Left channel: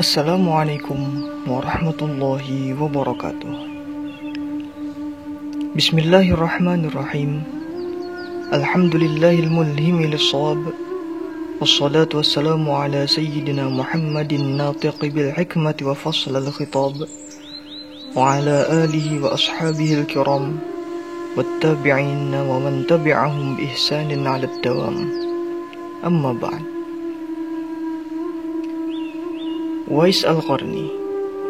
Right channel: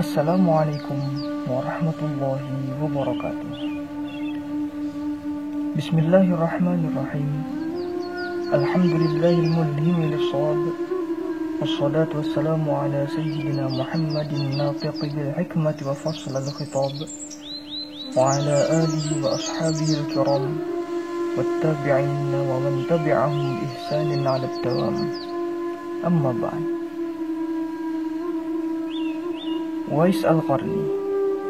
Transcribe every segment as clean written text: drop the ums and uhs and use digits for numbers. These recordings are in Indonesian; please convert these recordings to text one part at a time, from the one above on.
Assalamualaikum warahmatullahi wabarakatuh. Bismillahirrahmanirrahim. Alhamdulillahil mulhimi lis-shawab. Wassalatu wassalamu ala sayyidina Muhammadin natiqi bil hikmati wa faslal khitab. Wa ala alihi wa ashabihi al-kiram. Wattabi'in wa man tabi'ahum bi ihsanin 'ala ad-dawam. Amma ba'd. Uwais Al-Qarni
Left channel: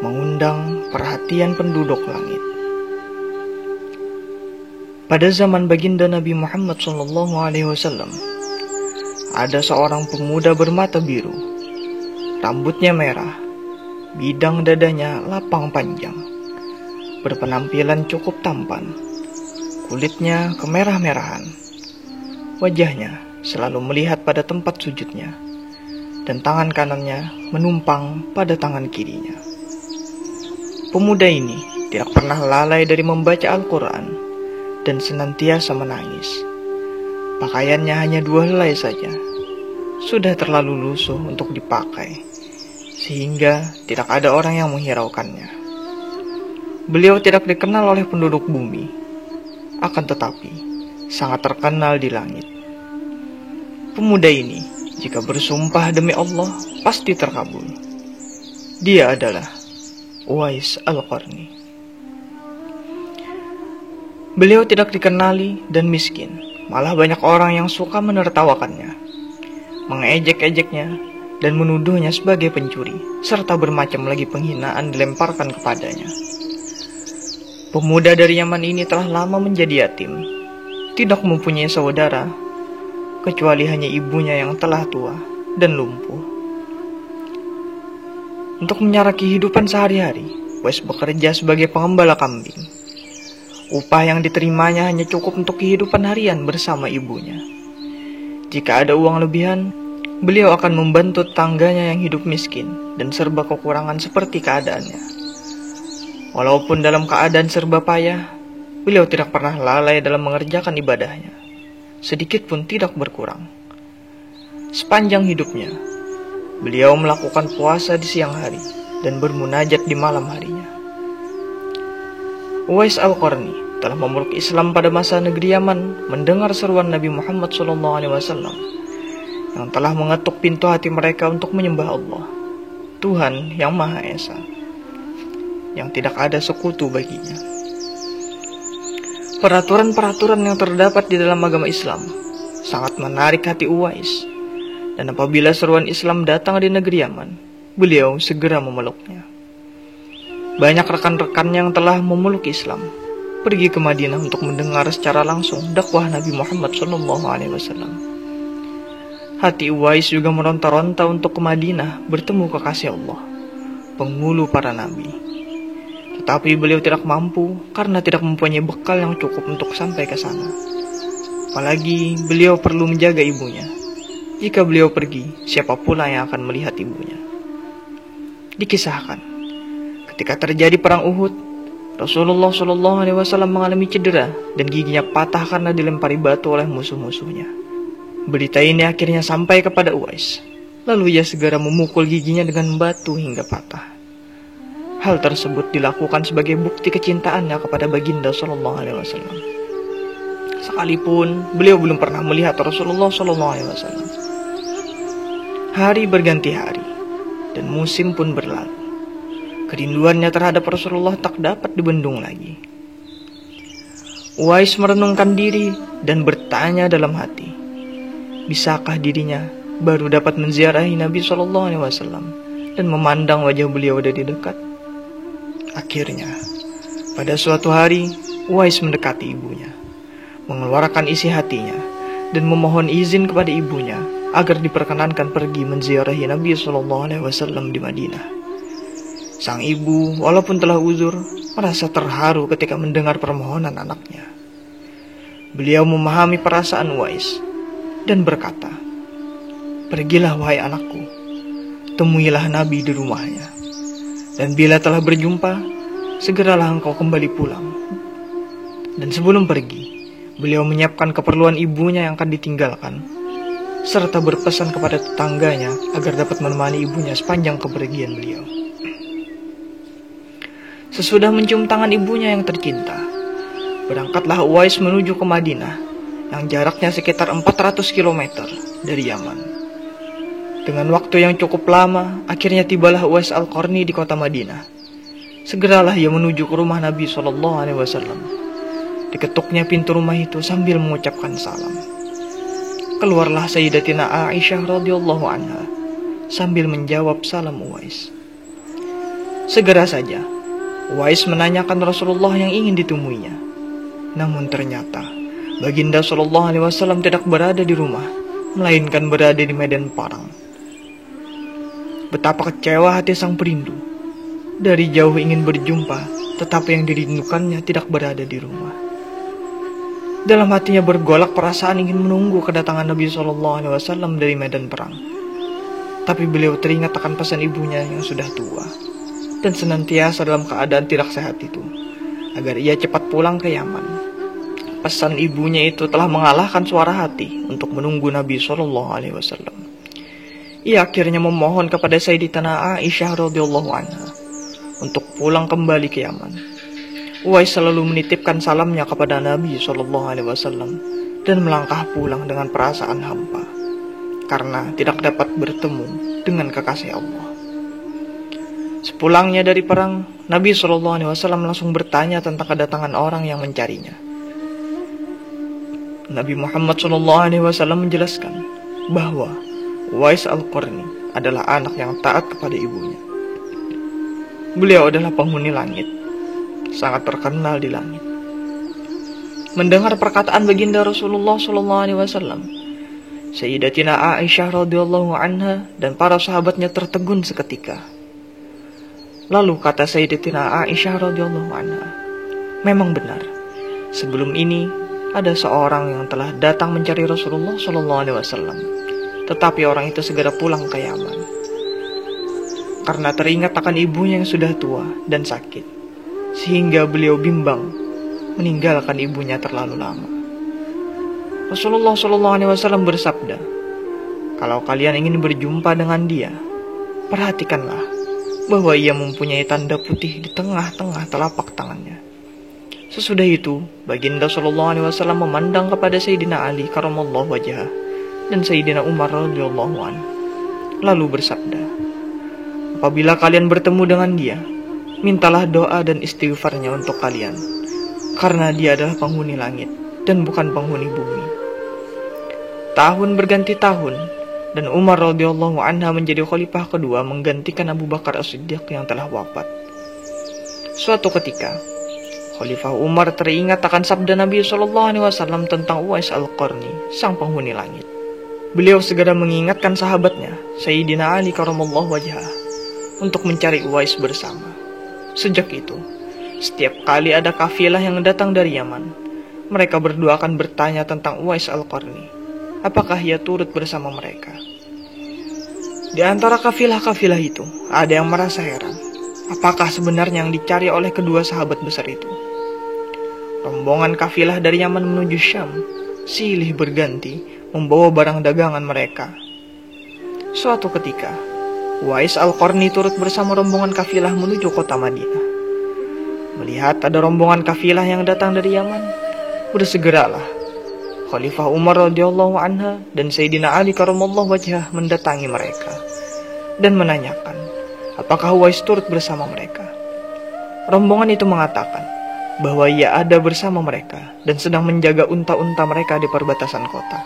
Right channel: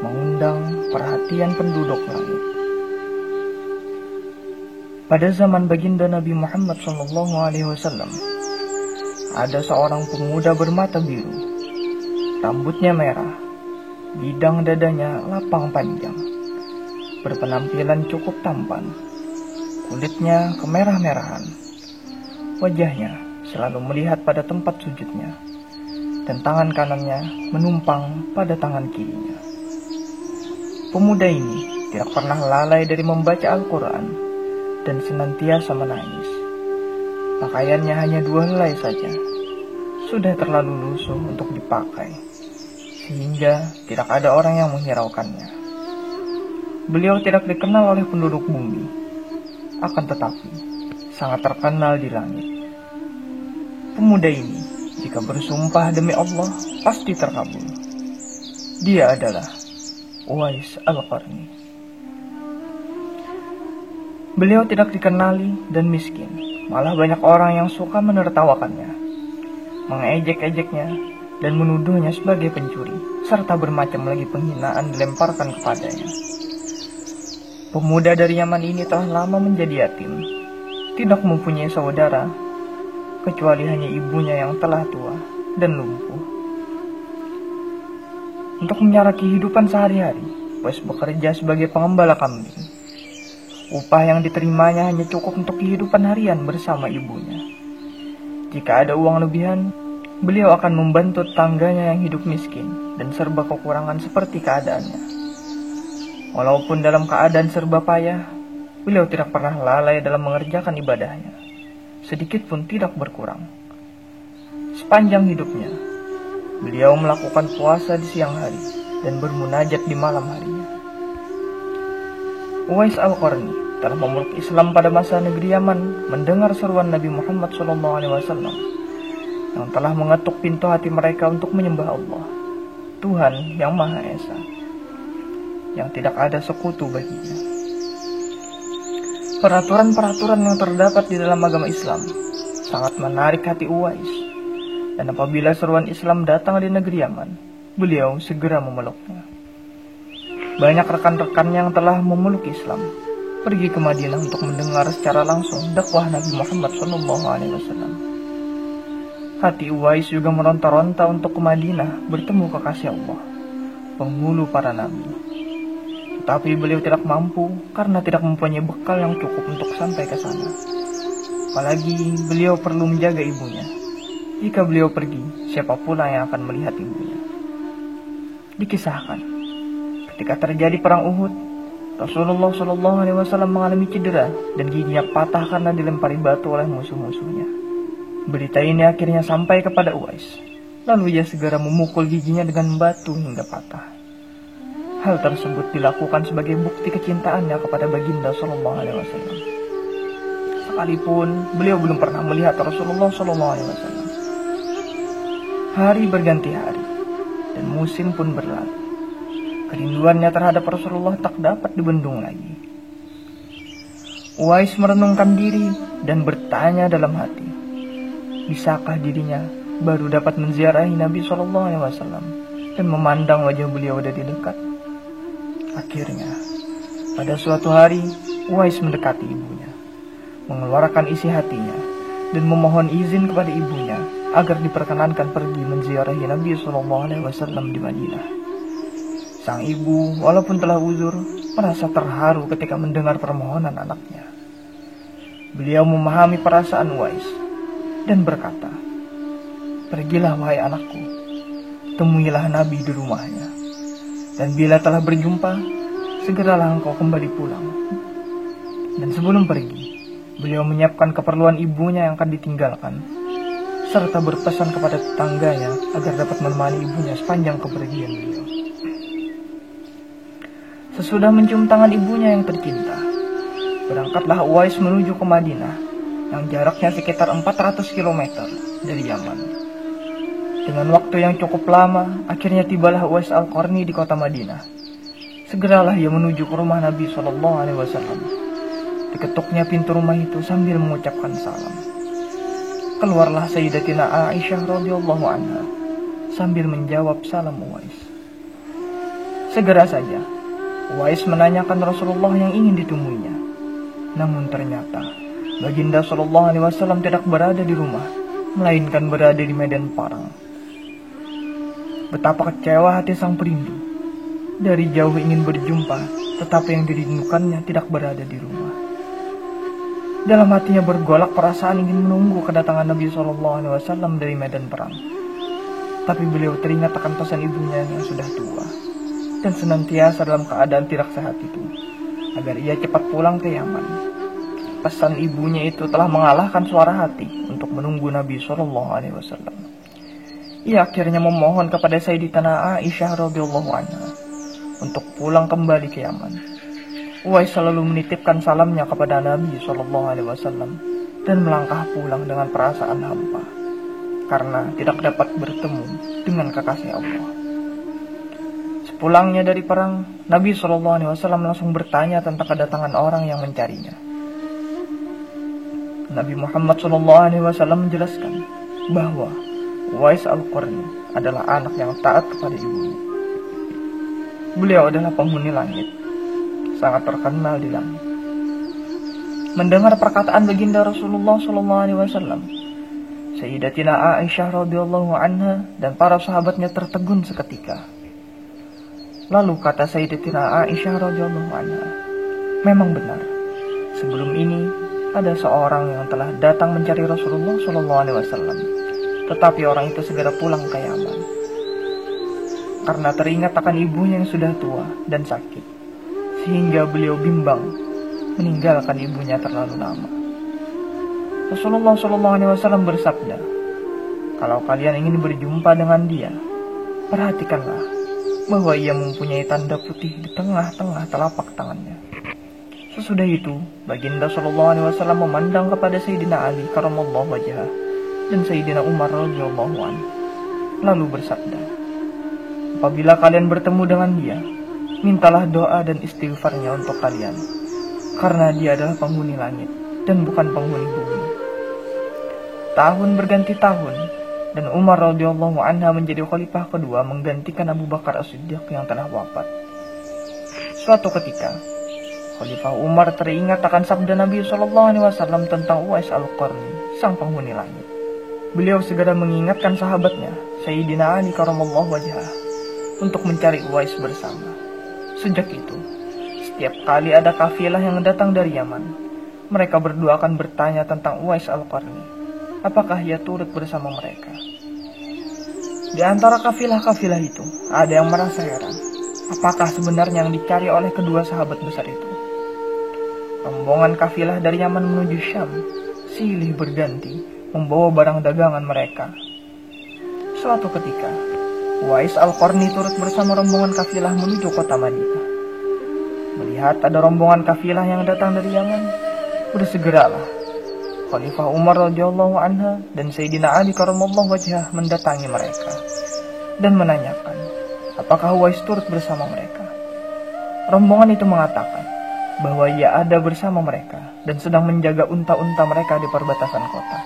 mengundang perhatian penduduk langit. Pada zaman baginda Nabi Muhammad SAW, ada seorang pemuda bermata biru, rambutnya merah, bidang dadanya lapang panjang, berpenampilan cukup tampan, kulitnya kemerah-merahan, wajahnya selalu melihat pada tempat sujudnya, dan tangan kanannya menumpang pada tangan kirinya. Pemuda ini tidak pernah lalai dari membaca Al-Quran dan senantiasa menangis. Pakaiannya hanya 2 helai saja, sudah terlalu lusuh untuk dipakai, sehingga tidak ada orang yang menghiraukannya. Beliau tidak dikenal oleh penduduk bumi, akan tetapi sangat terkenal di langit. Pemuda ini jika bersumpah demi Allah, pasti terkabul. Dia adalah Uwais Al-Qarni. Beliau tidak dikenali dan miskin, malah banyak orang yang suka menertawakannya, mengejek-ejeknya, dan menuduhnya sebagai pencuri, serta bermacam lagi penghinaan dilemparkan kepadanya. Pemuda dari Yaman ini telah lama menjadi yatim, tidak mempunyai saudara, kecuali hanya ibunya yang telah tua dan lumpuh. Untuk menyara kehidupan sehari-hari, Uwais bekerja sebagai pengembala kambing. Upah yang diterimanya hanya cukup untuk kehidupan harian bersama ibunya. Jika ada uang lebihan, beliau akan membantu tangganya yang hidup miskin dan serba kekurangan seperti keadaannya. Walaupun dalam keadaan serba payah, beliau tidak pernah lalai dalam mengerjakan ibadahnya, sedikit pun tidak berkurang. Sepanjang hidupnya, beliau melakukan puasa di siang hari dan bermunajat di malam harinya. Uwais Al-Qarni telah memeluk Islam pada masa negeri Yaman mendengar seruan Nabi Muhammad SAW yang telah mengetuk pintu hati mereka untuk menyembah Allah, Tuhan yang Maha Esa, yang tidak ada sekutu baginya. Peraturan-peraturan yang terdapat di dalam agama Islam sangat menarik hati Uwais, dan apabila seruan Islam datang di negeri Yaman, beliau segera memeluknya. Banyak rekan-rekan yang telah memeluk Islam pergi ke Madinah untuk mendengar secara langsung dakwah Nabi Muhammad SAW. Hati Uwais juga meronta-ronta untuk ke Madinah bertemu kekasih Allah, penghulu para nabi. Tetapi beliau tidak mampu karena tidak mempunyai bekal yang cukup untuk sampai ke sana. Apalagi beliau perlu menjaga ibunya. Jika beliau pergi, siapa pula yang akan melihat ibunya? Dikisahkan, ketika terjadi perang Uhud, Rasulullah SAW mengalami cedera dan giginya patah karena dilempari batu oleh musuh-musuhnya. Berita ini akhirnya sampai kepada Uwais. Lalu ia segera memukul giginya dengan batu hingga patah. Hal tersebut dilakukan sebagai bukti kecintaannya kepada baginda SAW. Sekalipun beliau belum pernah melihat Rasulullah SAW. Hari berganti hari, dan musim pun berlalu. Kerinduannya terhadap Rasulullah tak dapat dibendung lagi. Uwais merenungkan diri dan bertanya dalam hati, bisakah dirinya baru dapat menziarahi Nabi SAW dan memandang wajah beliau dari dekat? Akhirnya, pada suatu hari, Uwais mendekati ibunya, mengeluarkan isi hatinya, dan memohon izin kepada ibunya agar diperkenankan pergi menziarahi Nabi SAW di Madinah. Sang ibu, walaupun telah uzur, merasa terharu ketika mendengar permohonan anaknya. Beliau memahami perasaan Uwais dan berkata, "Pergilah wahai anakku, temuilah Nabi di rumahnya. Dan bila telah berjumpa, segeralah engkau kembali pulang." Dan sebelum pergi, beliau menyiapkan keperluan ibunya yang akan ditinggalkan, serta berpesan kepada tetangganya agar dapat menemani ibunya sepanjang kepergian beliau. Sesudah mencium tangan ibunya yang tercinta, berangkatlah Uwais menuju ke Madinah yang jaraknya sekitar 400 km dari Yaman. Dengan waktu yang cukup lama, akhirnya tibalah Uwais Al-Qarni di kota Madinah. Segeralah ia menuju ke rumah Nabi SAW. Diketuknya pintu rumah itu sambil mengucapkan salam. Keluarlah Sayyidatina Aisyah radhiyallahu anha sambil menjawab salam Uwais. Segera saja Uwais menanyakan Rasulullah yang ingin ditemuinya. Namun ternyata Baginda Shallallahu Alaihi Wasallam tidak berada di rumah, melainkan berada di medan perang. Betapa kecewa hati sang perindu. Dari jauh ingin berjumpa, tetapi yang dirindukannya tidak berada di rumah. Dalam hatinya bergolak perasaan ingin menunggu kedatangan Nabi SAW dari medan perang. Tapi beliau teringat akan pesan ibunya yang sudah tua dan senantiasa dalam keadaan tidak sehat itu, agar ia cepat pulang ke Yaman. Pesan ibunya itu telah mengalahkan suara hati untuk menunggu Nabi SAW. Ia akhirnya memohon kepada Sayyidatina Aisyah radhiyallahu anha untuk pulang kembali ke Yaman. Uwais selalu menitipkan salamnya kepada Nabi SAW dan melangkah pulang dengan perasaan hampa karena tidak dapat bertemu dengan kekasih Allah. Sepulangnya dari perang, Nabi SAW langsung bertanya tentang kedatangan orang yang mencarinya. Nabi Muhammad SAW menjelaskan bahwa Uwais Al-Qarni adalah anak yang taat kepada ibunya. Beliau adalah penghuni langit, sangat terkenal di langit. Mendengar perkataan baginda Rasulullah SAW, Sayyidatina Aisyah radhiyallahu anha dan para sahabatnya tertegun seketika. Lalu kata Sayyidatina Aisyah radhiyallahu anha, memang benar, sebelum ini ada seorang yang telah datang mencari Rasulullah SAW, tetapi orang itu segera pulang ke Yaman karena teringat akan ibunya yang sudah tua dan sakit, sehingga beliau bimbang meninggalkan ibunya terlalu lama. Rasulullah SAW bersabda, kalau kalian ingin berjumpa dengan dia, perhatikanlah bahwa ia mempunyai tanda putih di tengah-tengah telapak tangannya. Sesudah itu, Baginda SAW memandang kepada Sayyidina Ali karamallahu wajhah dan Sayyidina Umar radhiyallahu anhu, lalu bersabda, apabila kalian bertemu dengan dia, mintalah doa dan istighfarnya untuk kalian, karena dia adalah penghuni langit dan bukan penghuni bumi. Tahun berganti tahun, dan Umar radhiyallahu anha menjadi khalifah kedua menggantikan Abu Bakar As-Siddiq yang telah wafat. Suatu ketika, Khalifah Umar teringat akan sabda Nabi SAW tentang Uwais Al-Qarni, sang penghuni langit. Beliau segera mengingatkan sahabatnya, Sayyidina Ali karamallahu wajhah, untuk mencari Uwais bersama. Sejak itu, setiap kali ada kafilah yang datang dari Yaman, mereka berdua akan bertanya tentang Uwais Al-Qarni, apakah ia turut bersama mereka. Di antara kafilah-kafilah itu, ada yang merasa heran, apakah sebenarnya yang dicari oleh kedua sahabat besar itu. Rombongan kafilah dari Yaman menuju Syam silih berganti membawa barang dagangan mereka. Suatu ketika, Uwais Al-Qarni turut bersama rombongan kafilah menuju kota Madinah. Melihat ada rombongan kafilah yang datang dari Yaman, bersegeralah Khalifah Umar radhiyallahu anha dan Sayyidina Ali karamallahu wajhah mendatangi mereka dan menanyakan apakah Uwais turut bersama mereka. Rombongan itu mengatakan bahwa ia ada bersama mereka dan sedang menjaga unta-unta mereka di perbatasan kota.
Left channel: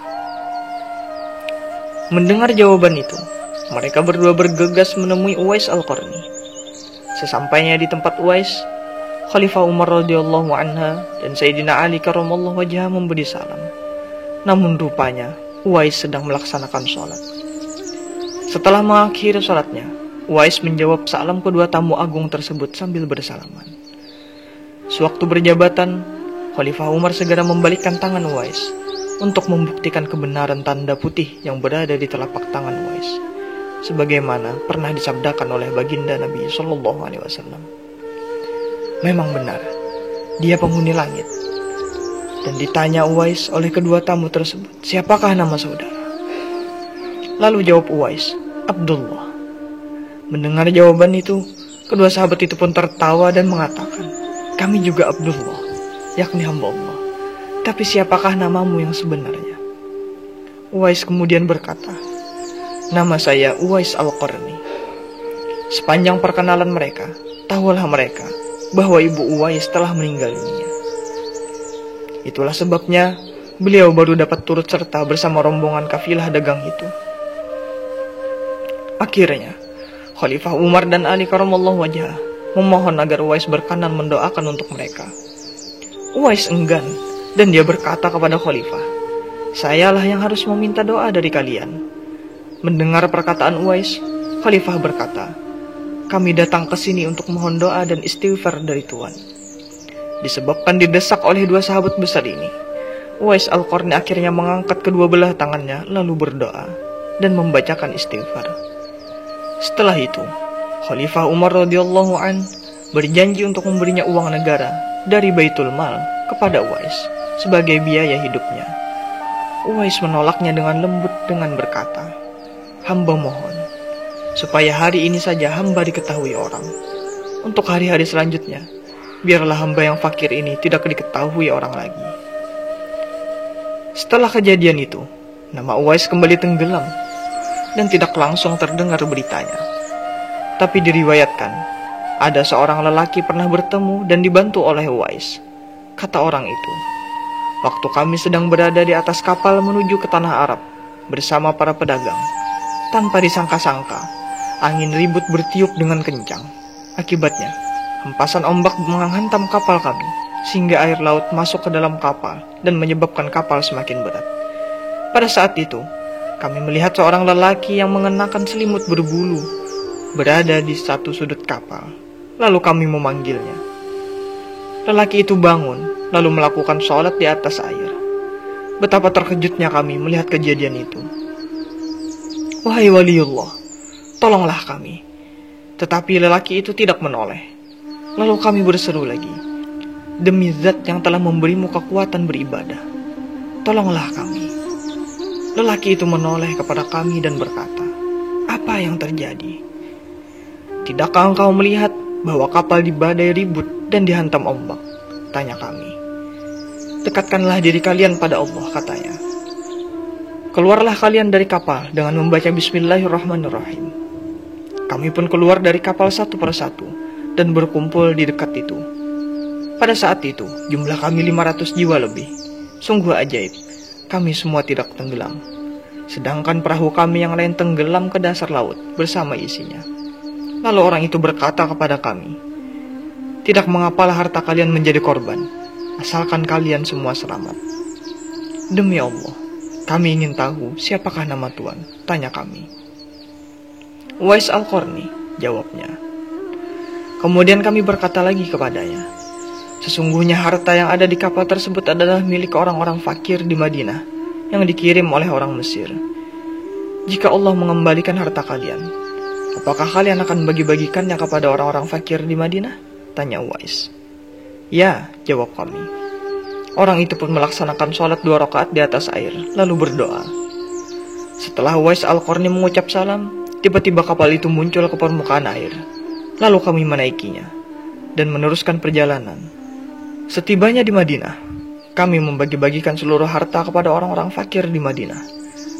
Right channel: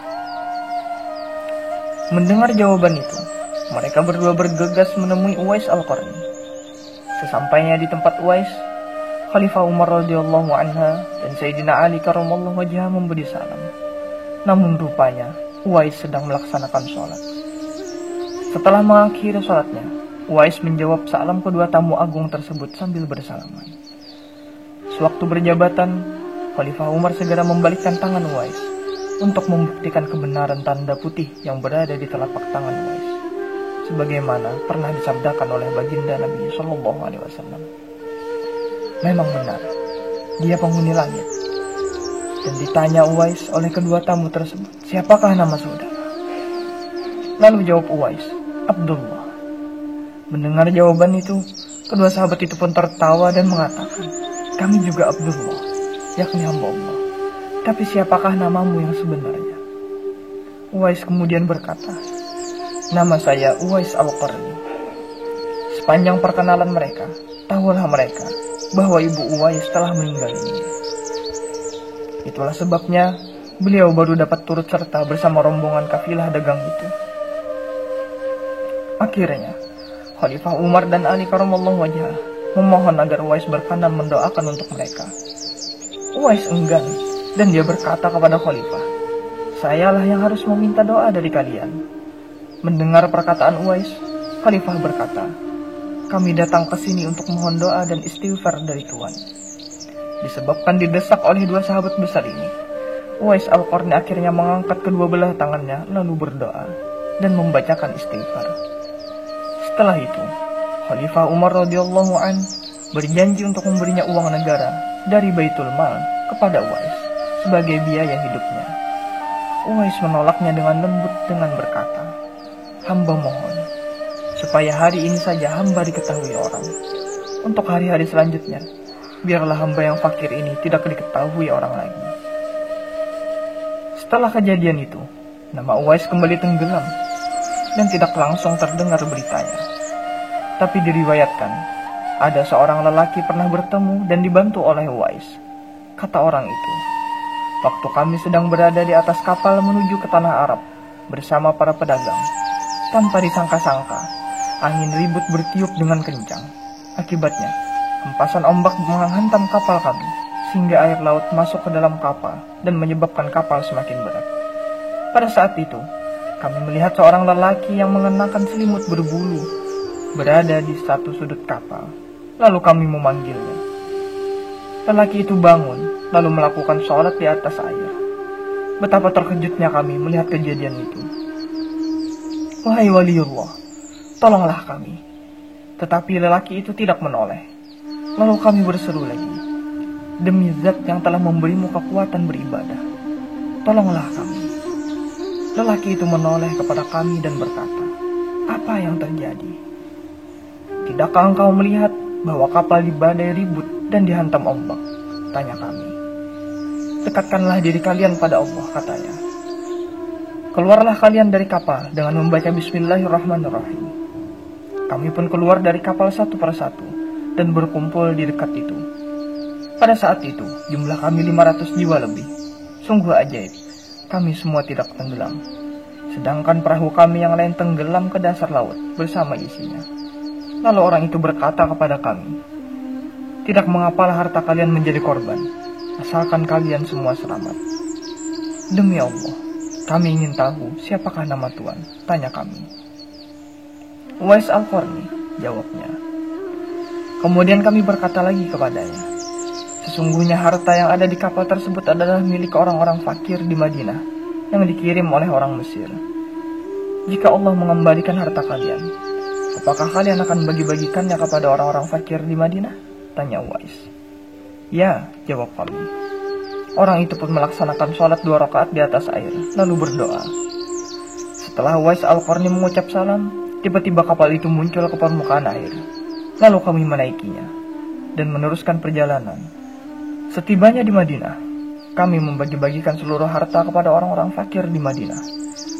Mendengar jawaban itu, mereka berdua bergegas menemui Uwais Al-Qarni. Sesampainya di tempat Uwais, Khalifah Umar radhiyallahu anha dan Sayyidina Ali karamallahu wajhah memberi salam. Namun rupanya Uwais sedang melaksanakan sholat. Setelah mengakhiri sholatnya, Uwais menjawab salam kedua tamu agung tersebut sambil bersalaman. Sewaktu berjabatan, Khalifah Umar segera membalikkan tangan Uwais untuk membuktikan kebenaran tanda putih yang berada di telapak tangan Uwais, sebagaimana pernah disabdakan oleh baginda Nabi SAW. Memang benar, dia penghuni langit. Dan ditanya Uwais oleh kedua tamu tersebut, siapakah nama saudara? Lalu jawab Uwais, Abdullah. Mendengar jawaban itu, kedua sahabat itu pun tertawa dan mengatakan, kami juga Abdullah, yakni hamba Allah. Tapi siapakah namamu yang sebenarnya? Uwais kemudian berkata, nama saya Uwais Al-Qarni. Sepanjang perkenalan mereka, tahulah mereka bahwa ibu Uwais telah meninggal dunia. Itulah sebabnya beliau baru dapat turut serta bersama rombongan kafilah dagang itu. Akhirnya, Khalifah Umar dan Ali karramallahu wajhah memohon agar Uwais berkenan mendoakan untuk mereka. Uwais enggan dan dia berkata kepada Khalifah, sayalah yang harus meminta doa dari kalian. Mendengar perkataan Uwais, Khalifah berkata, kami datang ke sini untuk mohon doa dan istighfar dari Tuhan. Disebabkan didesak oleh dua sahabat besar ini, Uwais Al-Qarni akhirnya mengangkat kedua belah tangannya lalu berdoa dan membacakan istighfar. Setelah itu, Khalifah Umar radhiyallahu an berjanji untuk memberinya uang negara dari Baitul Mal kepada Uwais sebagai biaya hidupnya. Uwais menolaknya dengan lembut dengan berkata, hamba mohon supaya hari ini saja hamba diketahui orang. Untuk hari-hari selanjutnya, biarlah hamba yang fakir ini tidak diketahui orang lagi. Setelah kejadian itu, nama Uwais kembali tenggelam dan tidak langsung terdengar beritanya. Tapi diriwayatkan, ada seorang lelaki pernah bertemu dan dibantu oleh Uwais. Kata orang itu, waktu kami sedang berada di atas kapal menuju ke tanah Arab bersama para pedagang, tanpa disangka-sangka, angin ribut bertiup dengan kencang. Akibatnya, hempasan ombak menghantam kapal kami, sehingga air laut masuk ke dalam kapal dan menyebabkan kapal semakin berat. Pada saat itu, kami melihat seorang lelaki yang mengenakan selimut berbulu berada di satu sudut kapal. Lalu kami memanggilnya. Lelaki itu bangun, lalu melakukan sholat di atas air. Betapa terkejutnya kami melihat kejadian itu. Wahai waliullah, tolonglah kami. Tetapi lelaki itu tidak menoleh. Lalu kami berseru lagi, demi zat yang telah memberimu kekuatan beribadah, tolonglah kami. Lelaki itu menoleh kepada kami dan berkata, apa yang terjadi? Tidakkah engkau melihat bahwa kapal di badai ribut dan dihantam ombak? Tanya kami. Dekatkanlah diri kalian pada Allah, katanya. Keluarlah kalian dari kapal dengan membaca Bismillahirrahmanirrahim. Kami pun keluar dari kapal satu persatu dan berkumpul di dekat itu. Pada saat itu, jumlah kami 500 jiwa lebih. Sungguh ajaib, kami semua tidak tenggelam. Sedangkan perahu kami yang lain tenggelam ke dasar laut bersama isinya. Lalu orang itu berkata kepada kami, tidak mengapalah harta kalian menjadi korban, asalkan kalian semua selamat. Demi Allah, kami ingin tahu siapakah nama Tuhan, tanya kami. Uwais Al-Qarni, jawabnya. Kemudian kami berkata lagi kepadanya, sesungguhnya harta yang ada di kapal tersebut adalah milik orang-orang fakir di Madinah yang dikirim oleh orang Mesir. Jika Allah mengembalikan harta kalian, apakah kalian akan bagi-bagikannya kepada orang-orang fakir di Madinah? Tanya Uwais. Ya, jawab kami. Orang itu pun melaksanakan sholat 2 rakaat di atas air, lalu berdoa. Setelah Uwais Al-Qarni mengucap salam, tiba-tiba kapal itu muncul ke permukaan air. Lalu kami menaikinya dan meneruskan perjalanan. Setibanya di Madinah, kami membagi-bagikan seluruh harta kepada orang-orang fakir di Madinah,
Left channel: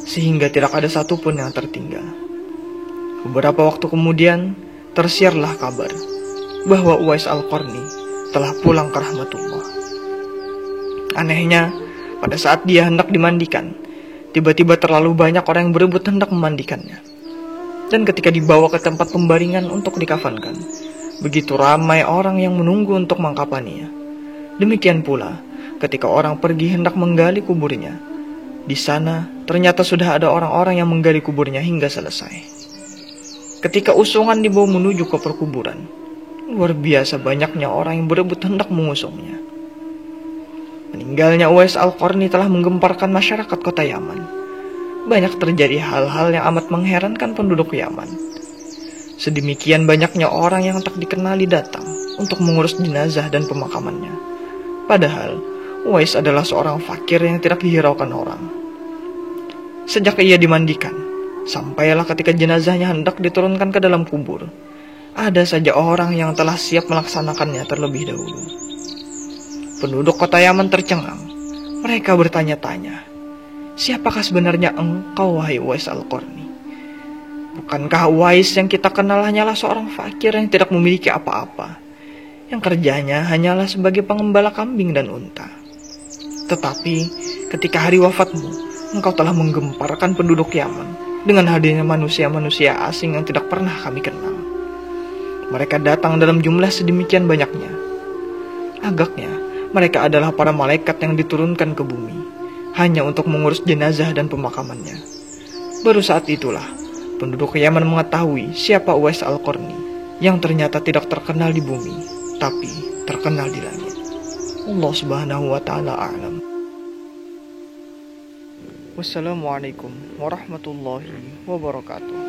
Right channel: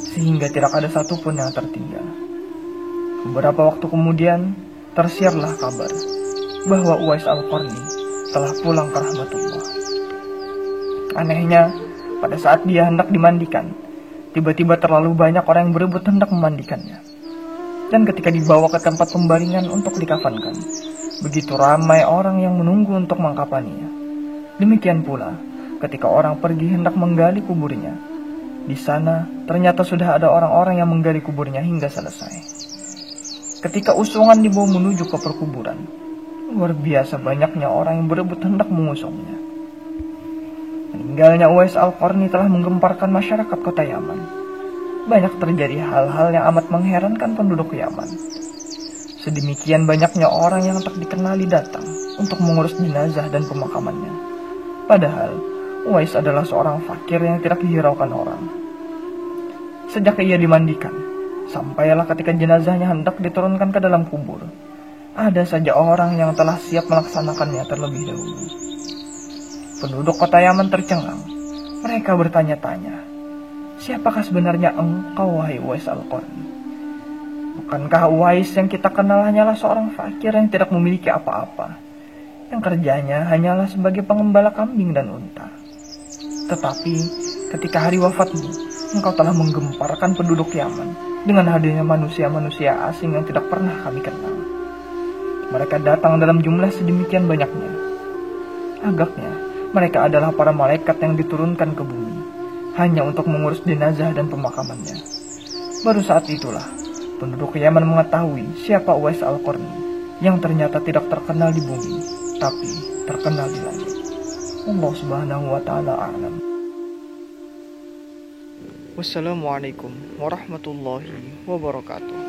sehingga tidak ada satupun yang tertinggal. Beberapa waktu kemudian, tersiarlah kabar bahwa Uwais Al-Qarni telah pulang ke rahmatullah. Anehnya, pada saat dia hendak dimandikan, tiba-tiba terlalu banyak orang yang berebut hendak memandikannya. Dan ketika dibawa ke tempat pembaringan untuk dikafankan, begitu ramai orang yang menunggu untuk mengkafaninya. Demikian pula ketika orang pergi hendak menggali kuburnya. Di sana ternyata sudah ada orang-orang yang menggali kuburnya hingga selesai. Ketika usungan dibawa menuju ke perkuburan, luar biasa banyaknya orang yang berebut hendak mengusungnya. Meninggalnya Uwais Al-Qarni telah menggemparkan masyarakat kota Yaman. Banyak terjadi hal-hal yang amat mengherankan penduduk Yaman. Sedemikian banyaknya orang yang tak dikenali datang untuk mengurus jenazah dan pemakamannya. Padahal Uwais adalah seorang fakir yang tidak dihiraukan orang. Sejak ia dimandikan, Sampailah ketika jenazahnya hendak diturunkan ke dalam kubur, ada saja orang yang telah siap melaksanakannya terlebih dahulu. Penduduk kota Yaman tercengang. Mereka bertanya-tanya, siapakah sebenarnya engkau, wahai Uwais Al-Qarni? Bukankah Uwais yang kita kenal hanyalah seorang fakir yang tidak memiliki apa-apa, yang kerjanya hanyalah sebagai pengembala kambing dan unta? Tetapi ketika hari wafatmu, engkau telah menggemparkan penduduk Yaman dengan hadirnya manusia-manusia asing yang tidak pernah kami kenal. Mereka datang dalam jumlah sedemikian banyaknya. Agaknya mereka adalah para malaikat yang diturunkan ke bumi hanya untuk mengurus jenazah dan pemakamannya. Baru saat itulah penduduk Yaman mengetahui siapa Uwais Al-Qarni yang ternyata tidak terkenal di bumi, tapi terkenal di langit. Allah Subhanahu wa Ta'ala a'lam. Wassalamualaikum warahmatullahi wabarakatuh.